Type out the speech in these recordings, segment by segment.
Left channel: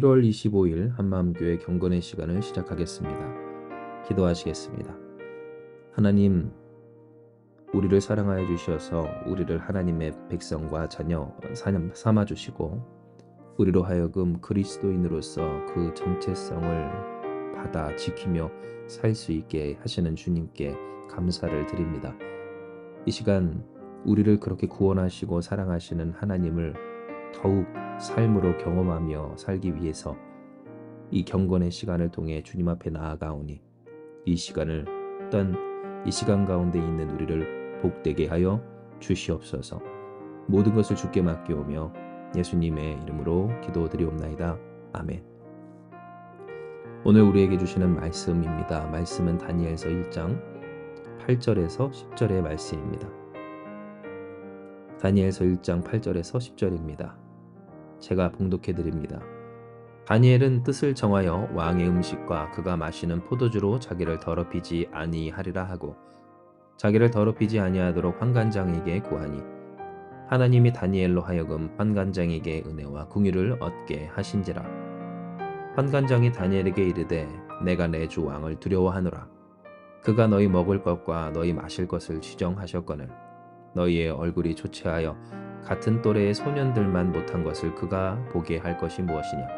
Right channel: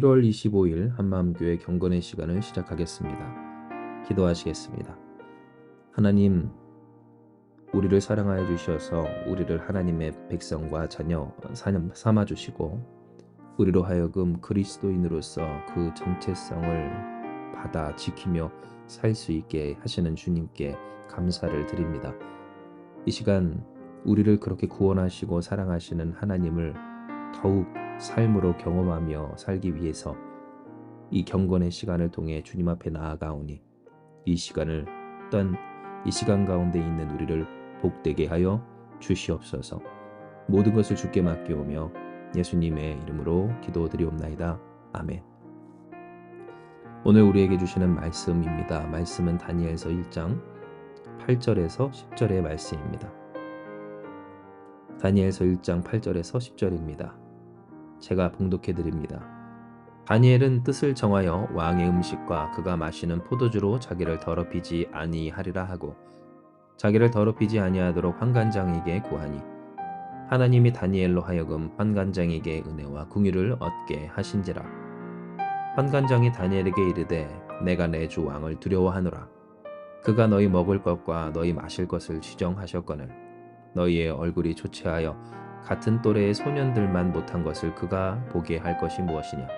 1월 25일 한마음교회 경건의 시간을 시작하겠습니다. 기도하시겠습니다. 하나님, 우리를 사랑하여 주셔서 우리를 하나님의 백성과 자녀 삼아 주시고 우리로 하여금 그리스도인으로서 그 정체성을 받아 지키며 살 수 있게 하시는 주님께 감사를 드립니다. 이 시간 우리를 그렇게 구원하시고 사랑하시는 하나님을 더욱 삶으로 경험하며 살기 위해서 이 경건의 시간을 통해 주님 앞에 나아가오니 이 시간을 또한 이 시간 가운데 있는 우리를 복되게 하여 주시옵소서. 모든 것을 주께 맡기오며 예수님의 이름으로 기도드리옵나이다. 아멘. 오늘 우리에게 주시는 말씀입니다. 말씀은 다니엘서 1장 8절에서 10절의 말씀입니다. 다니엘서 1장 8절에서 10절입니다. 제가 봉독해 드립니다. 다니엘은 뜻을 정하여 왕의 음식과 그가 마시는 포도주로 자기를 더럽히지 아니하리라 하고 자기를 더럽히지 아니하도록 환관장에게 구하니 하나님이 다니엘로 하여금 환관장에게 은혜와 궁유를 얻게 하신지라. 환관장이 다니엘에게 이르되 내가 내 주 왕을 두려워하노라. 그가 너희 먹을 것과 너희 마실 것을 지정하셨거늘 너희의 얼굴이 초췌하여 같은 또래의 소년들만 못한 것을 그가 보게 할 것이 무엇이냐.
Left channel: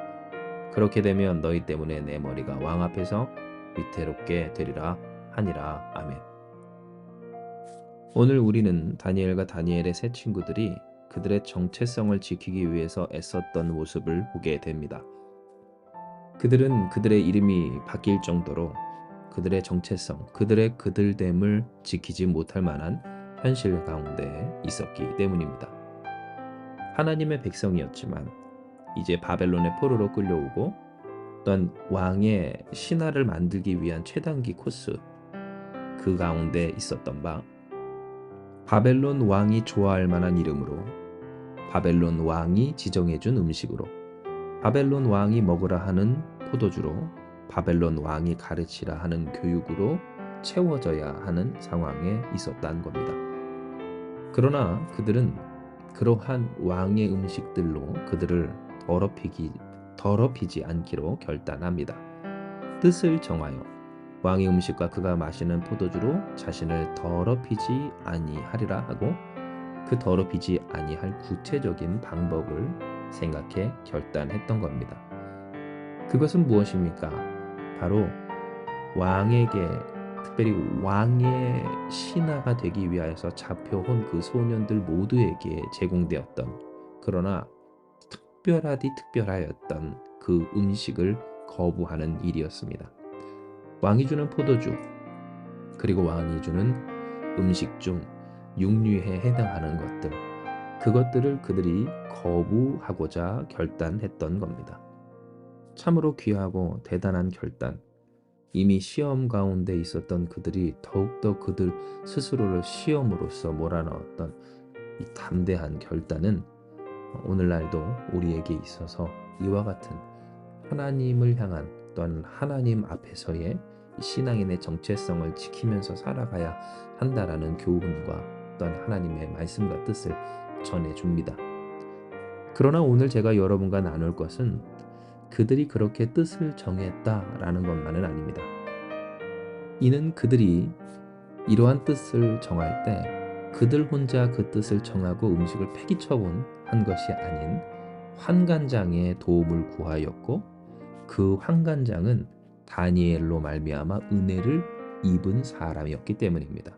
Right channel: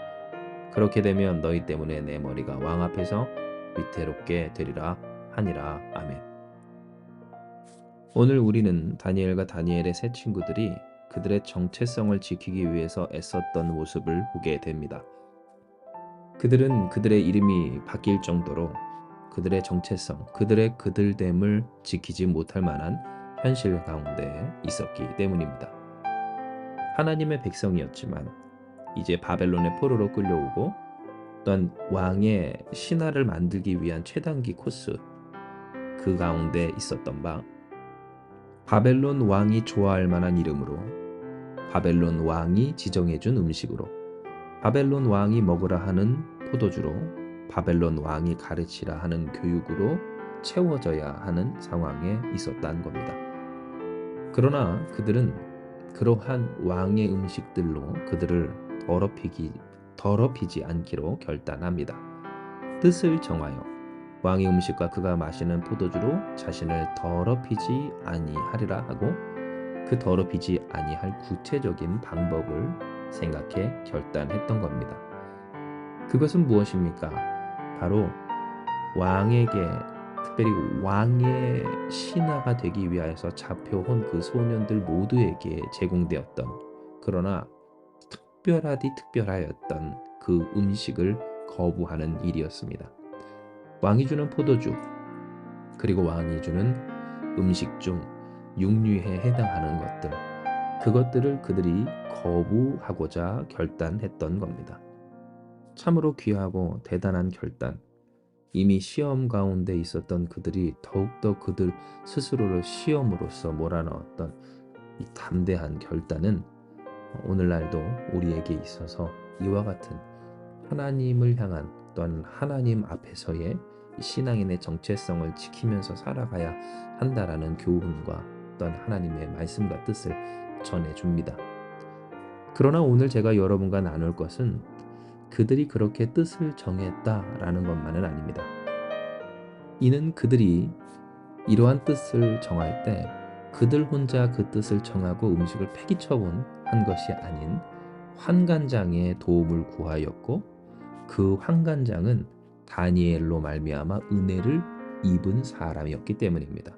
그렇게 되면 너희 때문에 내 머리가 왕 앞에서 위태롭게 되리라 하니라. 아멘. 오늘 우리는 다니엘과 다니엘의 세 친구들이 그들의 정체성을 지키기 위해서 애썼던 모습을 보게 됩니다. 그들은 그들의 이름이 바뀔 정도로 그들의 정체성, 그들의 그들됨을 지키지 못할 만한 현실 가운데 있었기 때문입니다. 하나님의 백성이었지만 이제 바벨론의 포로로 끌려오고 또한 왕의 신하를 만들기 위한 최단기 코스 그 가운데 있었던 바 바벨론 왕이 좋아할 만한 이름으로 바벨론 왕이 지정해준 음식으로 바벨론 왕이 먹으라 하는 포도주로 바벨론 왕이 가르치라 하는 교육으로 채워져야 하는 상황에 있었다는 겁니다. 그러나 그들은 그러한 왕의 음식들로 그들을 더럽히지 않기로 결단합니다. 뜻을 정하여 왕의 음식과 그가 마시는 포도주로 자신을 더럽히지 아니하리라 하고 그 더럽히지 아니할 구체적인 방법을 생각해 결단했던 겁니다. 그것은 무엇입니까? 바로 왕에게 특별히 왕의 신하가 되기 위하여서 잡혀온 그 소년들 모두에게 제공되었던 그러나 특별하였던 그 음식을 거부하는 일이었습니다. 왕이 주는 포도주 그리고 왕이 주는 음식 중 육류에 해당하는 것들 그것들을 그들이 거부하고자 결단했던 겁니다. 참으로 귀하고 대단한 결단. 이미 시험 가운데 있었던 그들이 더욱더 그들 스스로를 시험으로서 몰아넣었던 이 담대한 결단은 오늘날도 우리에게 있어서 이와 같은 하나님을 향한 또한 하나님 앞에서의 신앙인의 정체성을 지키면서 살아가야 한다라는 교훈과 또한 하나님의 말씀과 뜻을 전해줍니다. 그러나 오늘 제가 여러분과 나눌 것은 그들이 그렇게 뜻을 정했다라는 것만은 아닙니다. 이는 그들이 이러한 뜻을 정할 때 그들 혼자 그 뜻을 정하고 음식을 폐기처분한 것이 아닌 환관장의 도움을 구하였고 그 환관장은 다니엘로 말미암아 은혜를 입은 사람이었기 때문입니다.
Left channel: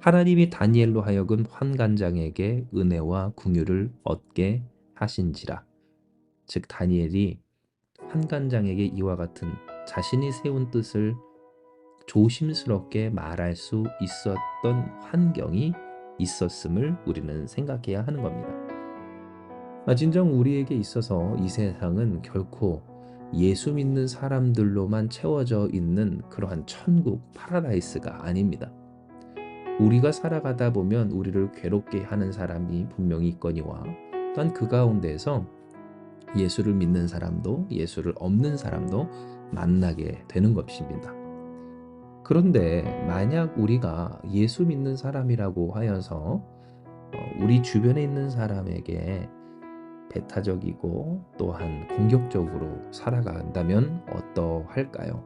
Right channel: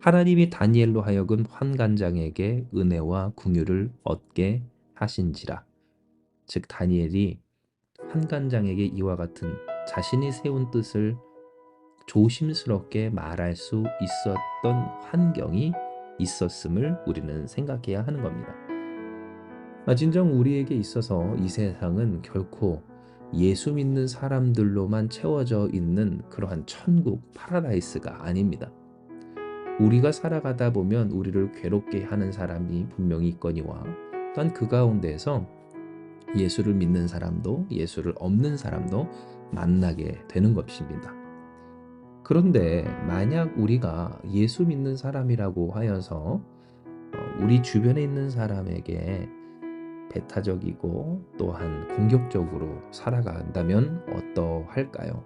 하나님이 다니엘로 하여금 환관장에게 은혜와 궁유를 얻게 하신지라. 즉 다니엘이 환관장에게 이와 같은 자신이 세운 뜻을 조심스럽게 말할 수 있었던 환경이 있었음을 우리는 생각해야 하는 겁니다. 진정 우리에게 있어서 이 세상은 결코 예수 믿는 사람들로만 채워져 있는 그러한 천국, 파라다이스가 아닙니다. 우리가 살아가다 보면 우리를 괴롭게 하는 사람이 분명히 있거니와 또한 그 가운데에서 예수를 믿는 사람도 예수를 없는 사람도 만나게 되는 것입니다. 그런데 만약 우리가 예수 믿는 사람이라고 하여서 우리 주변에 있는 사람에게 배타적이고 또한 공격적으로 살아간다면 어떠할까요?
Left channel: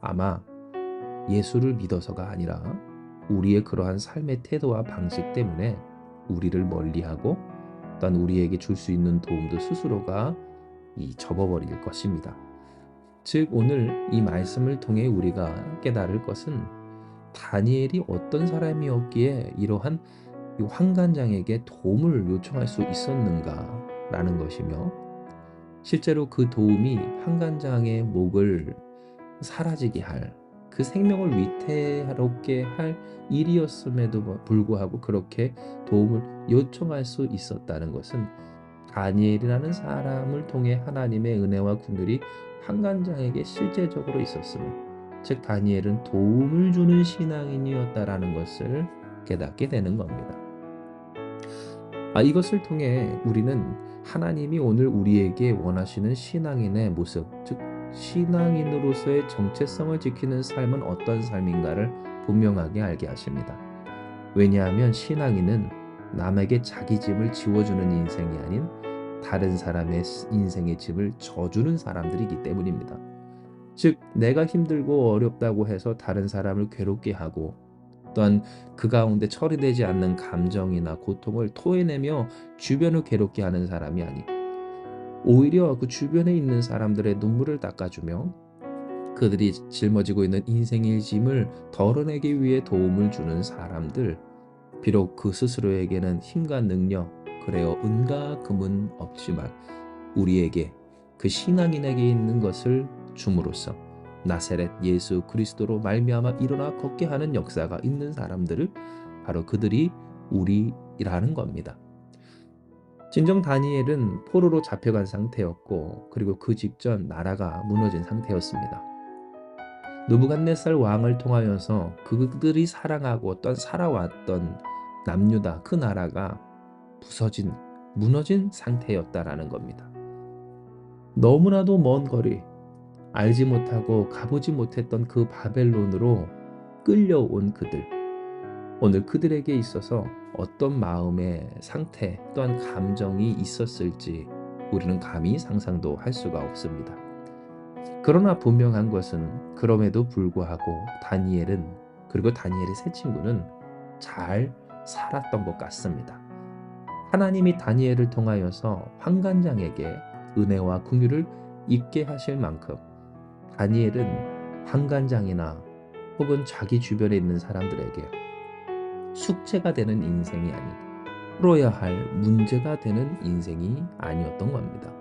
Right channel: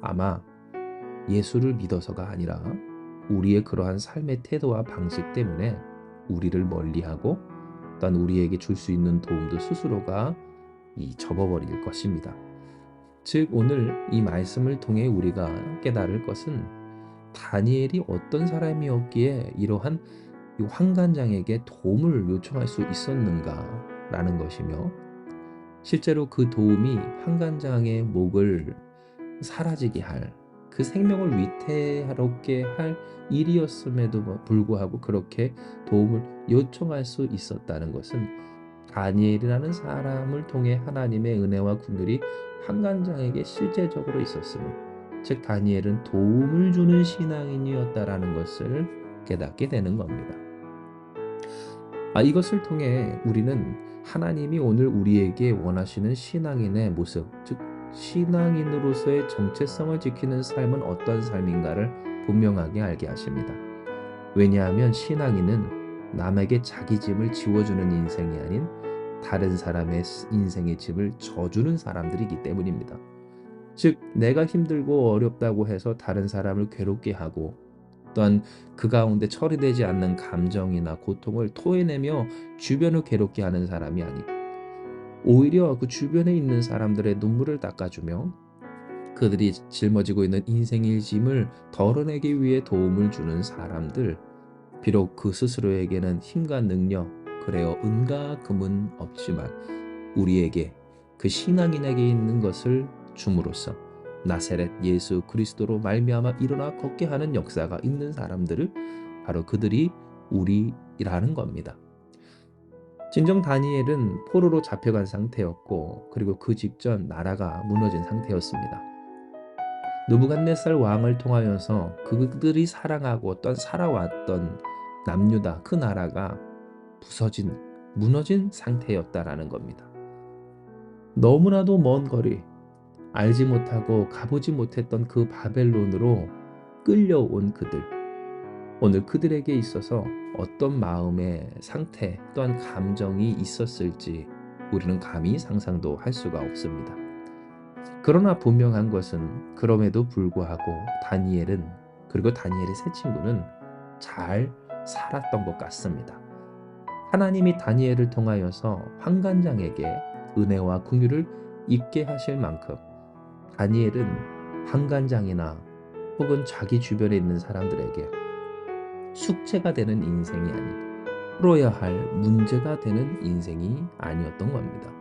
아마 예수를 믿어서가 아니라 우리의 그러한 삶의 태도와 방식 때문에 우리를 멀리하고 또한 우리에게 줄 수 있는 도움도 스스로가 접어버릴 것입니다. 즉 오늘 이 말씀을 통해 우리가 깨달을 것은 다니엘이 어떤 사람이었기에 이러한 이 환관장에게 도움을 요청할 수 있었는가라는 것이며, 실제로 그 도움이 환관장의 목을 사라지게 할, 그 생명을 위태롭게 할 일이었음에도 불구하고 그렇게 도움을 요청할 수 있었다는 것은 다니엘이라는 사람을 통해 하나님의 은혜와 긍휼이 환관장에게 실제적으로 있었음을, 즉 다니엘은 도움을 주는 신앙인이었다라는 것을 깨닫게 되는 겁니다. 이것을 통해 우리는 하나님이 오늘 우리에게 원하시는 신앙인의 모습, 즉 신앙인으로서의 정체성을 지키는 삶은 어떤 삶인가를 분명하게 알게 하십니다. 왜냐하면 신앙인은 남에게 자기 짐을 지워주는 인생이 아닌 다른 사람의 인생의 짐을 져주는 사람들이기 때문입니다. 즉 내가 힘들고 어렵다고 해서 다른 사람을 괴롭게 하고 또한 그 가운데 처리되지 않는 감정이나 고통을 토해내며 주변을 괴롭게 하는 사람이 아니, 오히려 그 주변에 있는 사람들의 눈물을 닦아주며 그들이 짊어지고 있는 인생의 짐을 덜어내기 위해 도움을 주는 사람들, 비록 그 스스로에게는 힘과 능력, 그래요 은과 금은 없지만 우리에게 그 신앙인에게 있는 것을 줌으로써 나사렛 예수 그리스도로 말미암아 일어나 걷게 하는 역사가 있는 사람들을, 바로 그들이 우리라는 겁니다. 진정 다니엘은 포로로 잡혀간 상태였고, 그리고 그 직전 나라가 무너진 상태였습니다. 느부갓네살 왕을 통하여서 그들이 사랑하고 살아왔던 남유다 그 나라가 무너진 상태였다라는 겁니다. 너무나도 먼 거리, 알지 못하고 가보지 못했던 그 바벨론으로 끌려온 그들, 오늘 그들에게 있어서 어떤 마음의 상태 또한 감정이 있었을지 우리는 감히 상상도 할 수가 없습니다. 그러나 분명한 것은 그럼에도 불구하고 다니엘은, 그리고 다니엘의 세 친구는 잘 살았던 것 같습니다. 하나님이 다니엘을 통하여서 환관장에게 은혜와 긍휼을 입게 하실 만큼 다니엘은 환관장이나 혹은 자기 주변에 있는 사람들에게 숙제가 되는 인생이 아닌 풀어야 할 문제가 되는 인생이 아니었던 겁니다.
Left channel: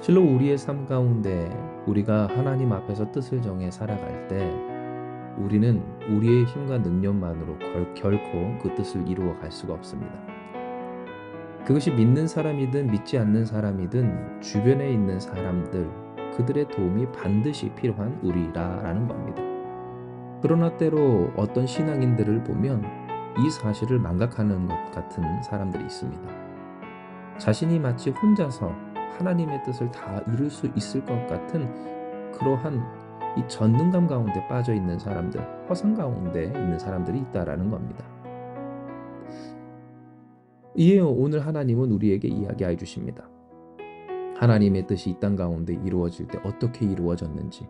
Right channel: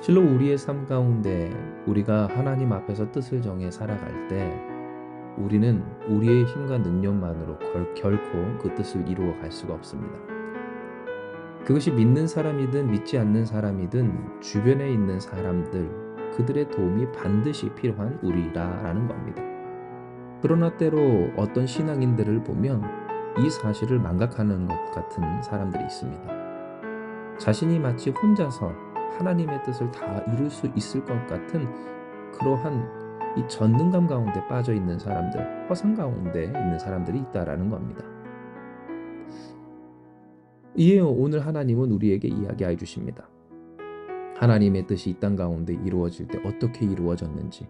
실로 우리의 삶 가운데 우리가 하나님 앞에서 뜻을 정해 살아갈 때 우리는 우리의 힘과 능력만으로 결코 그 뜻을 이루어 갈 수가 없습니다. 그것이 믿는 사람이든 믿지 않는 사람이든 주변에 있는 사람들, 그들의 도움이 반드시 필요한 우리라는 겁니다. 그러나 때로 어떤 신앙인들을 보면 이 사실을 망각하는 것 같은 사람들이 있습니다. 자신이 마치 혼자서 하나님의 뜻을 다 이룰 수 있을 것 같은 그러한 이 전능감 가운데 빠져 있는 사람들, 허상 가운데 있는 사람들이 있다라는 겁니다. 이에 오늘 하나님은 우리에게 이야기해 주십니다. 하나님의 뜻이 이 땅 가운데 이루어질 때 어떻게 이루어졌는지,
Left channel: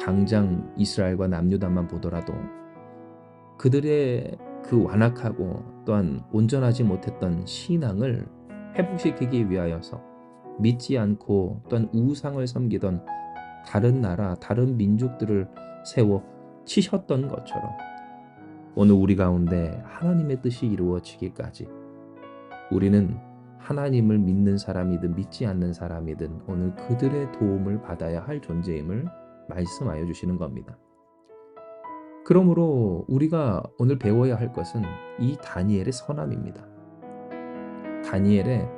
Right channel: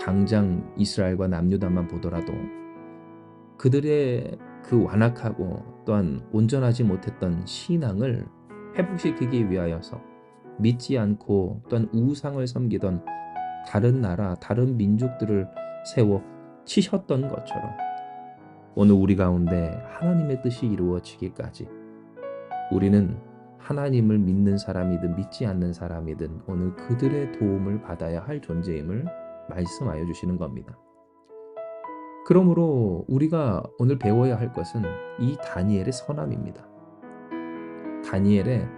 당장 이스라엘과 남유다만 보더라도 그들의 그 완악하고 또한 온전하지 못했던 신앙을 회복시키기 위하여서 믿지 않고 또한 우상을 섬기던 다른 나라, 다른 민족들을 세워 치셨던 것처럼 오늘 우리 가운데 하나님의 뜻이 이루어지기까지 우리는 하나님을 믿는 사람이든 믿지 않는 사람이든 오늘 그들의 도움을 받아야 할 존재임을 말씀하여 주시는 겁니다. 그러므로 우리가 오늘 배워야 할 것은 이 다니엘의 선함입니다. 다니엘의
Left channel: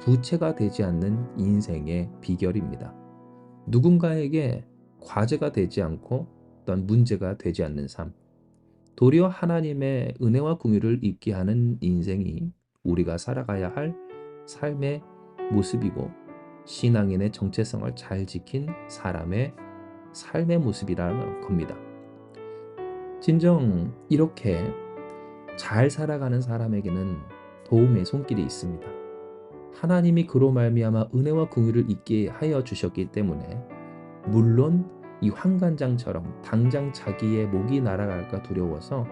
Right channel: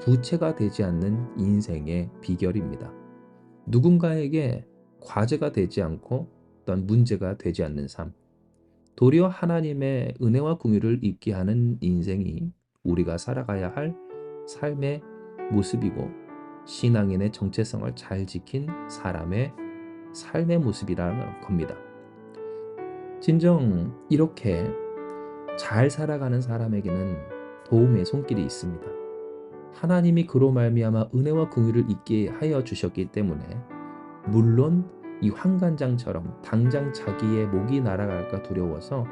부채가 되지 않는 인생의 비결입니다. 누군가에게 과제가 되지 않고 또한 문제가 되지 않는 삶, 도리어 하나님의 은혜와 긍휼을 입게 하는 인생이 우리가 살아가야 할 삶의 모습이고 신앙인의 정체성을 잘 지킨 사람의 삶의 모습이라는 겁니다. 진정 이렇게 잘 살아가는 사람에게는 도움의 손길이 있습니다. 하나님이 그로 말미암아 은혜와 긍휼을 있게 하여 주셨기 때문에 물론 이 환관장처럼 당장 자기의 목이 날아갈까 두려워서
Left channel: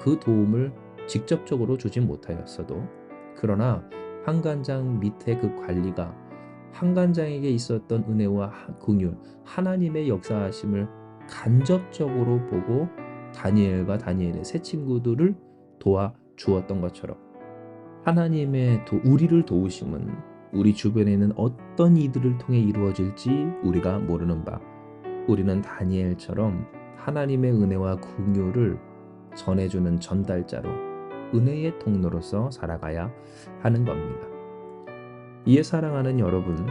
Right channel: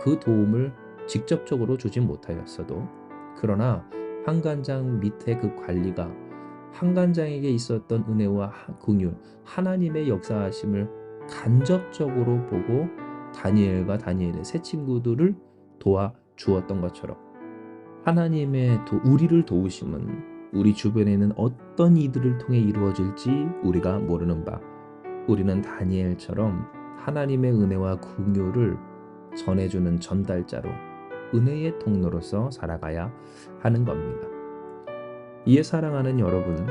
그 도움을 직접적으로 주진 못하였어도, 그러나 환관장 밑에 그 관리가 환관장에게 있었던 은혜와 긍휼, 하나님의 역사하심을 간접적으로 보고 다니엘과 다니엘의 세 친구들을 도와 주었던 것처럼, 하나님의 우리를 도우심은 우리 주변에 있는 어떤 이들을 통해 이루어질지 우리가 모르는 바, 우리는 다니엘처럼 하나님의 은혜와 긍휼을 전해주는 전달자로, 은혜의 통로로서 살아가야 하는 겁니다. 이에 사랑하는 여러분,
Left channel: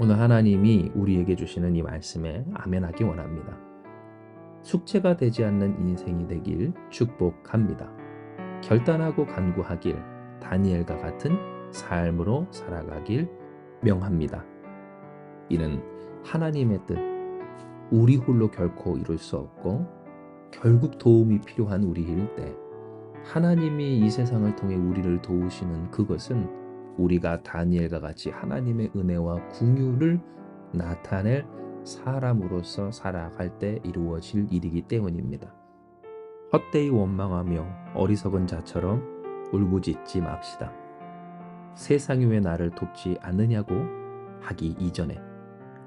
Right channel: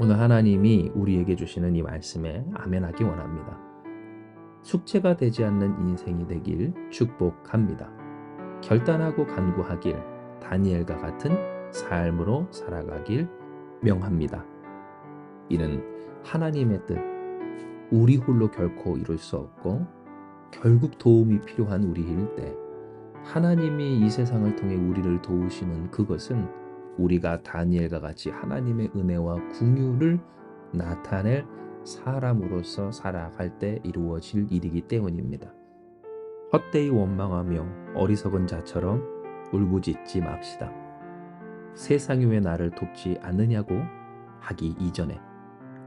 오늘 하나님이 우리에게 주시는 이 말씀에 아멘하기 원합니다. 숙제가 되지 않는 인생이 되길 축복합니다. 결단하고 간구하길, 다니엘과 같은 삶으로 살아가길 명합니다. 이는 하나님의 뜻, 우리 홀로 결코 이룰 수 없고 결국 도움이 필요한 우리일 때 하나님이 이 세상을 통해 우리를 도우시는 그것은 우리가 다니엘과 같이 하나님의 은혜와 긍휼을 나타낼 사람으로서 살아갈 때 이루어질 일이기 때문입니다. 헛되이 원망하며 어리석은 자처럼 울부짖지 맙시다. 세상이 왜 나를 돕지 않느냐고 하기 이전에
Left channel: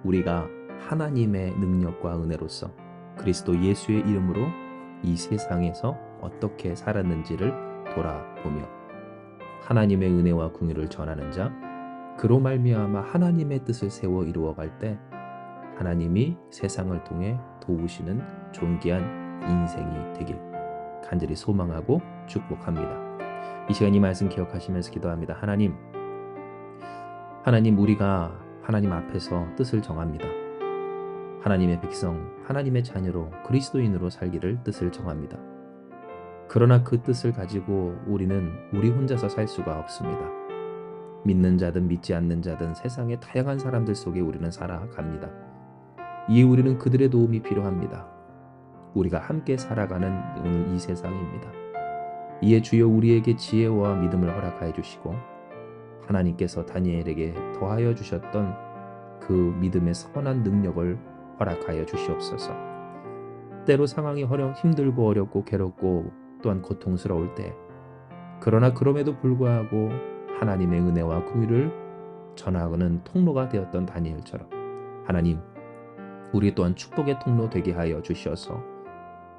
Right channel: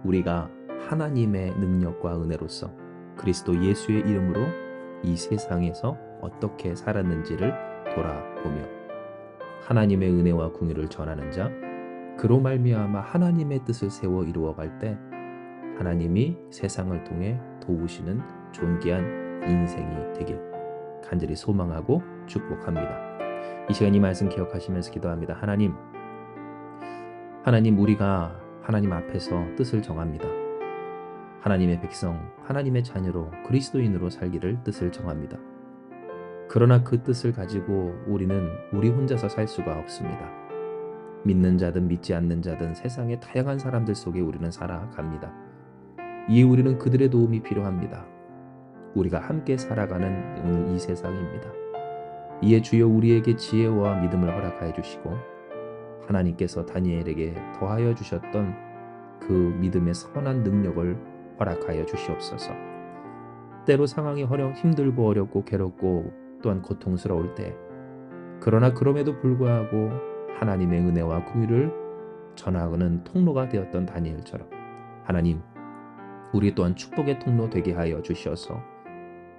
우리가 하나님의 능력과 은혜로서 그리스도 예수의 이름으로 이 세상에서 어떻게 살았는지를 돌아보며 하나님의 은혜와 긍휼을 전하는 자, 그로 말미암아 하나님의 뜻을 세워 이루어갈 때 하나님이 세상을 통해 도우시는 존귀한 인생이 되길 간절히 소망하고 축복합니다. 이 시간 이 말씀 기억하시면서 기도합니다. 하나님, 우리가 하나님 앞에서 뜻을 정합니다. 하나님의 백성, 하나님의 자녀로 그리스도인으로 살기를 뜻을 정합니다. 그러나 그 뜻을 가지고 우리는 우리 혼자서 살 수가 없습니다. 믿는 자든 믿지 않는 자든 세상의 다양한 사람들 속에 우리는 살아갑니다. 이에 우리는 그들의 도움이 필요합니다. 우리가 함께 살아가는 오늘 이 세상입니다. 이에 주여 우리에게 지혜와 믿음을 허락하여 주시고 하나님께서 다니엘에게 더하여 주셨던 그 믿음의 선한 능력을 허락하여 주시옵소서. 때로 상황이 힘들고 어렵고 괴롭고 또한 고통스러울 때, 그러나 그럼에도 불구하고 하나님의 은혜와 긍휼을 전하는 통로가 되었던 다니엘처럼 하나님, 우리 또한 축복의 통로 되게 하여 주시어서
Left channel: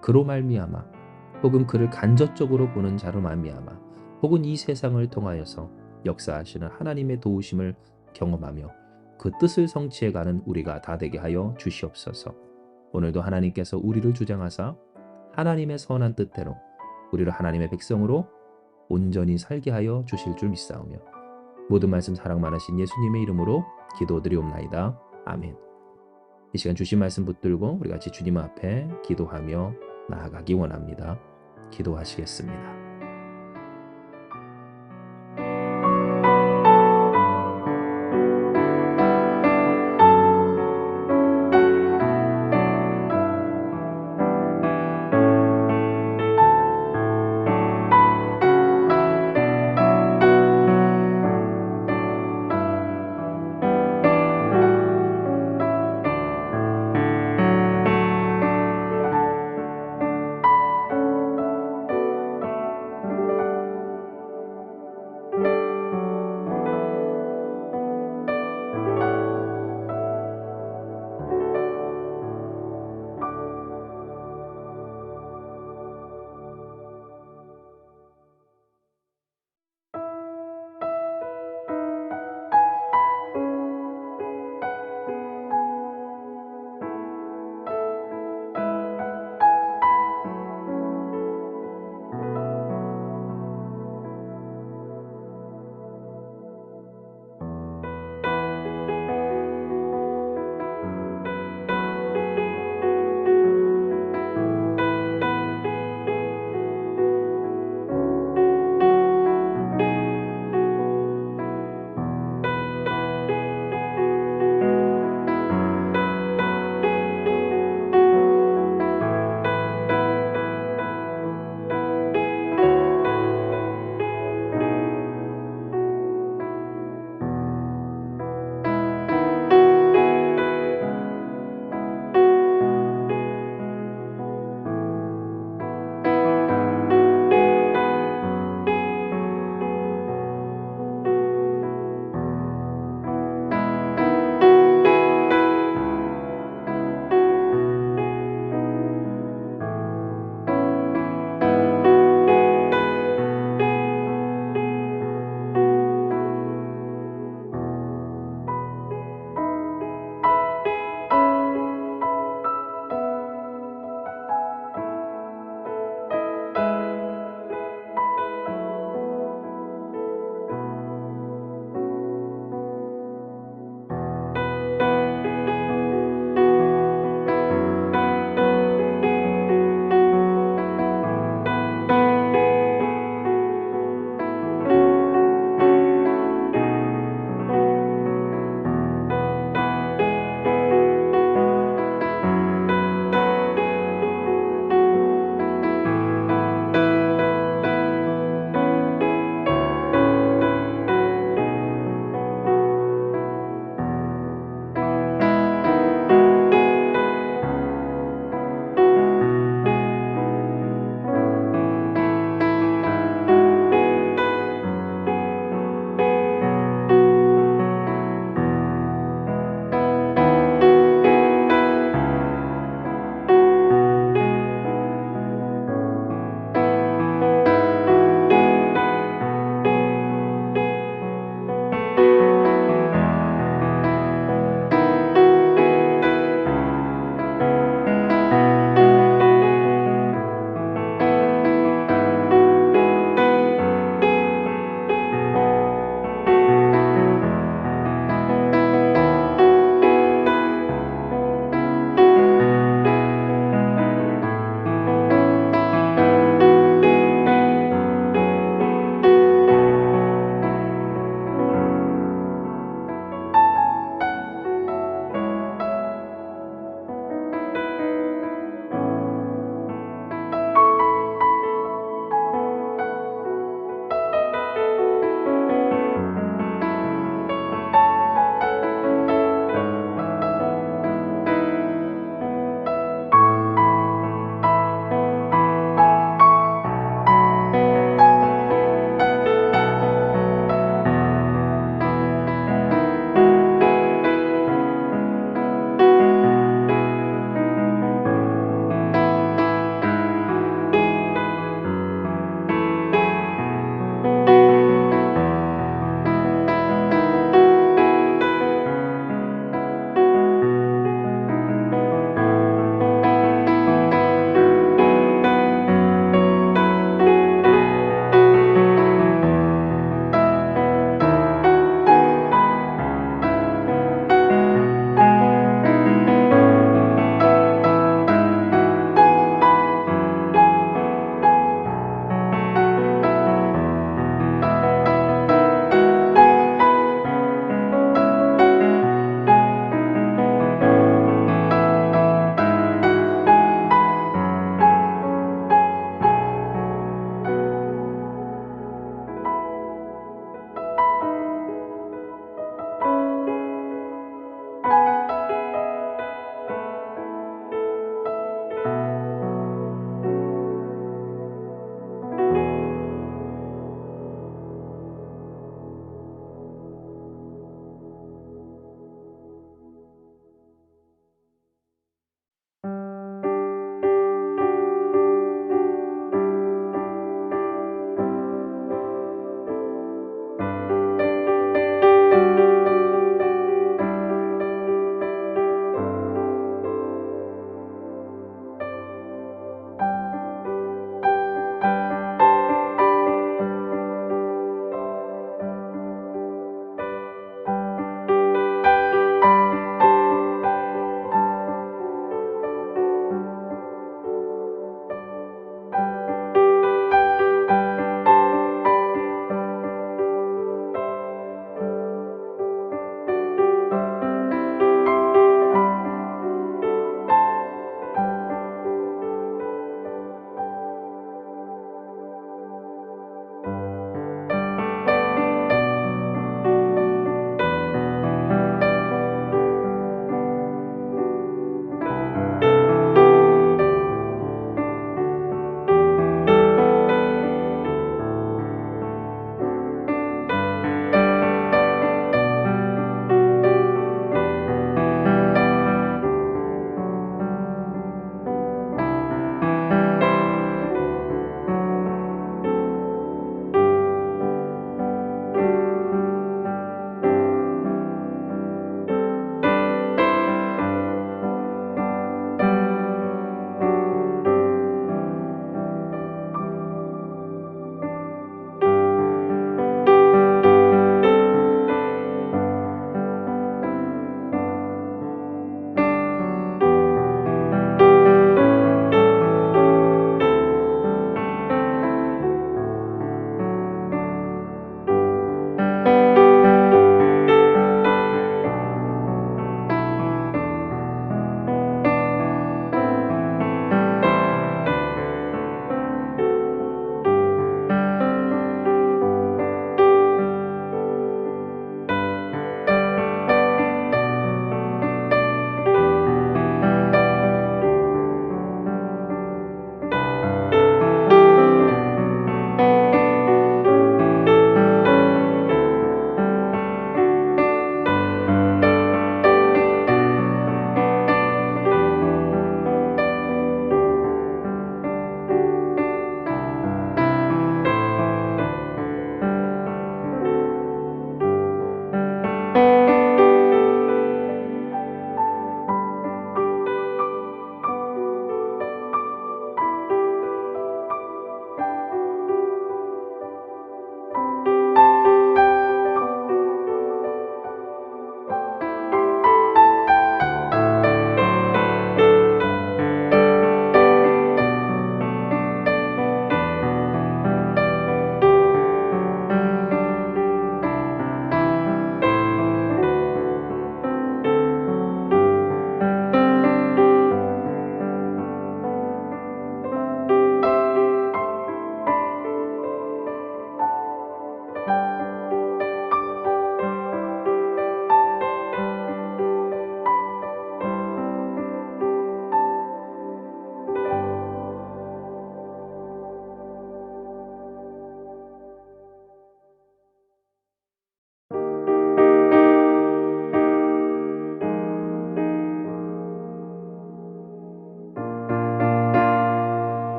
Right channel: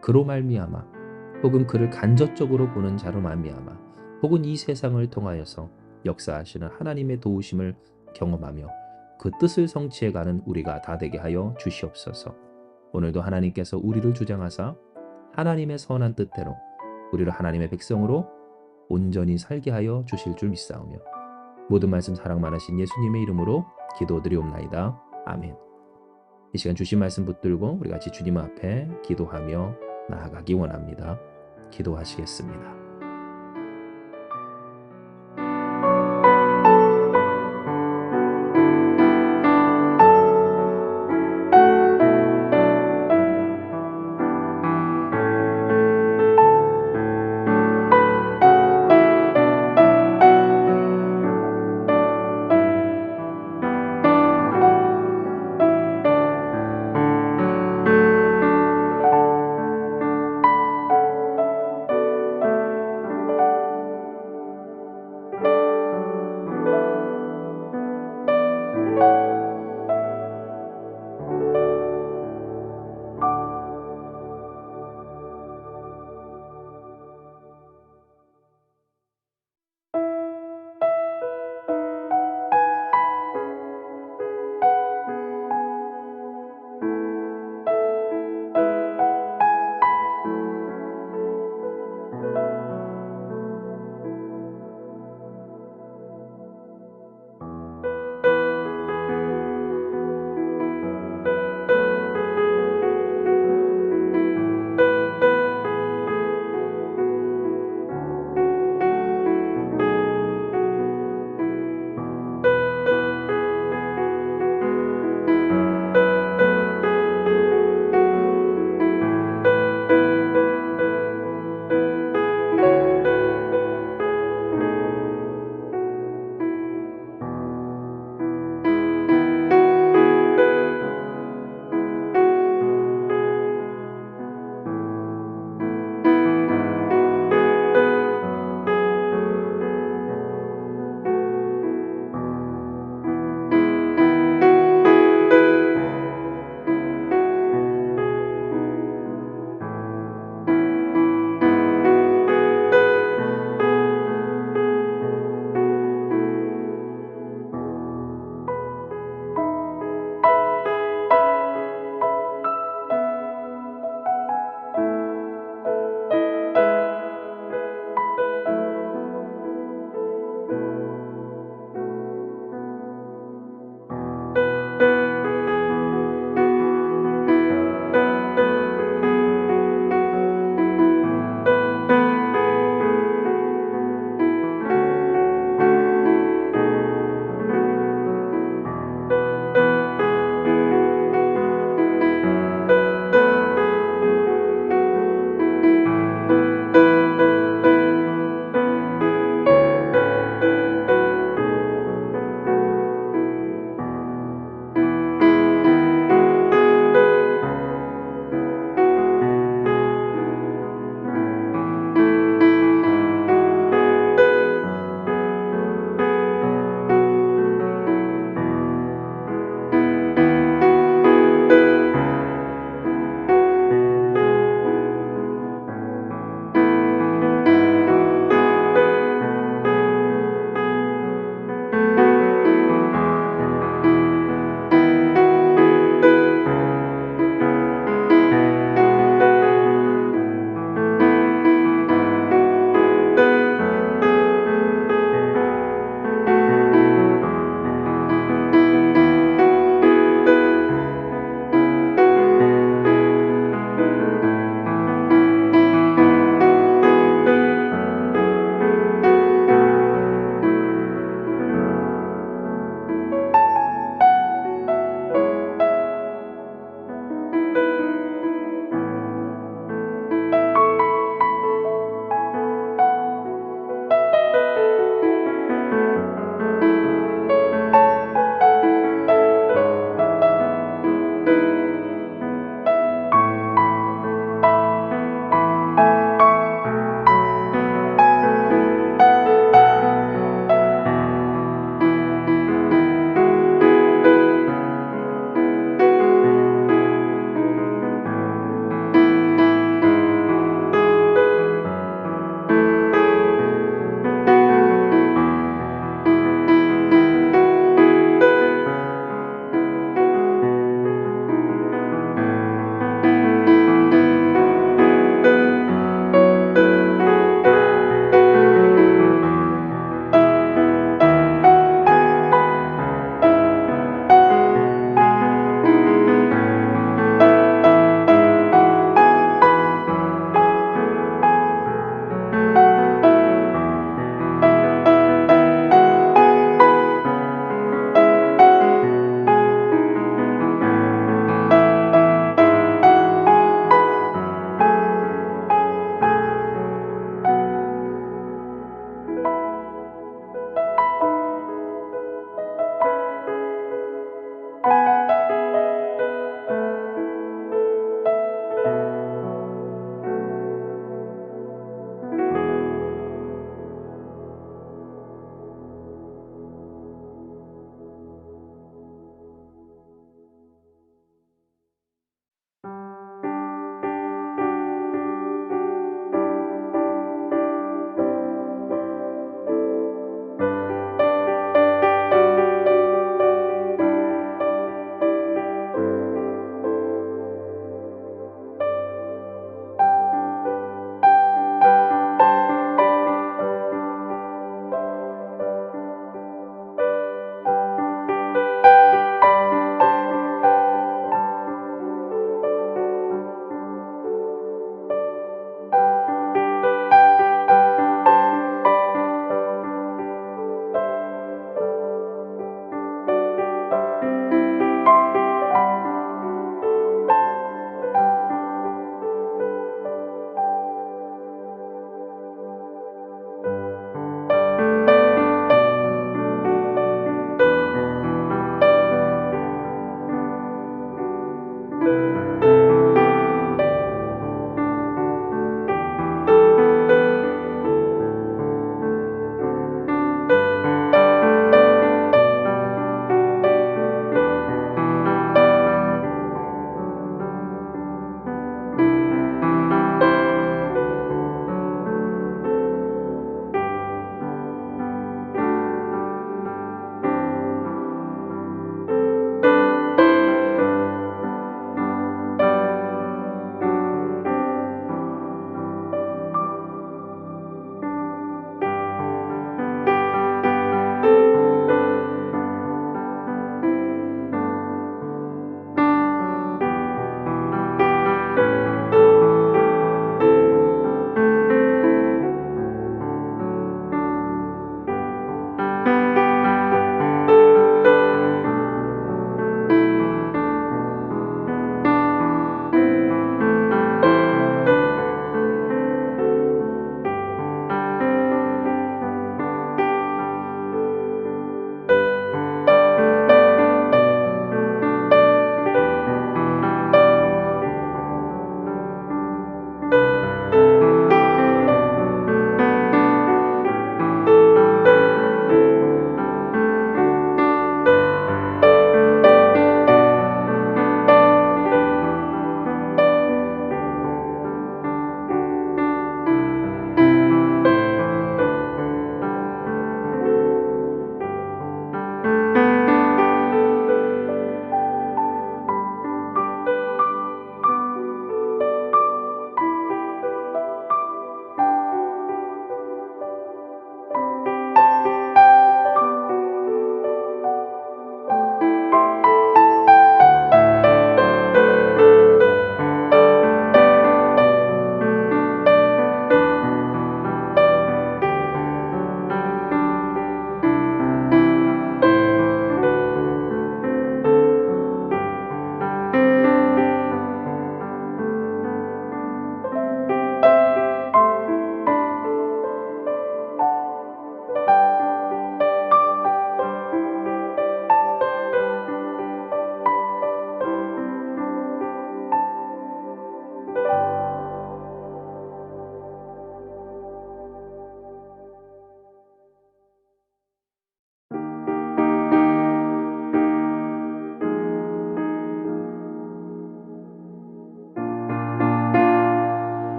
그로 말미암아 혹은 그를 간접적으로 보는 자로 말미암아 혹은 이 세상을 통하여서 역사하시는 하나님의 도우심을 경험하며 그 뜻을 성취해가는 우리가 다 되게 하여 주시옵소서. 오늘도 하나님께서 우리를 주장하사 하나님의 선한 뜻대로 우리를 하나님의 백성으로 온전히 살게 하여 주실 줄 믿사오며 모든 말씀 사랑 많으신 예수님의 이름으로 기도드리옵나이다. 아멘. 이 시간 주신 말씀 붙들고 우리 같이 주님 앞에 기도하며 나아가기 원합니다. 기도하시겠습니다.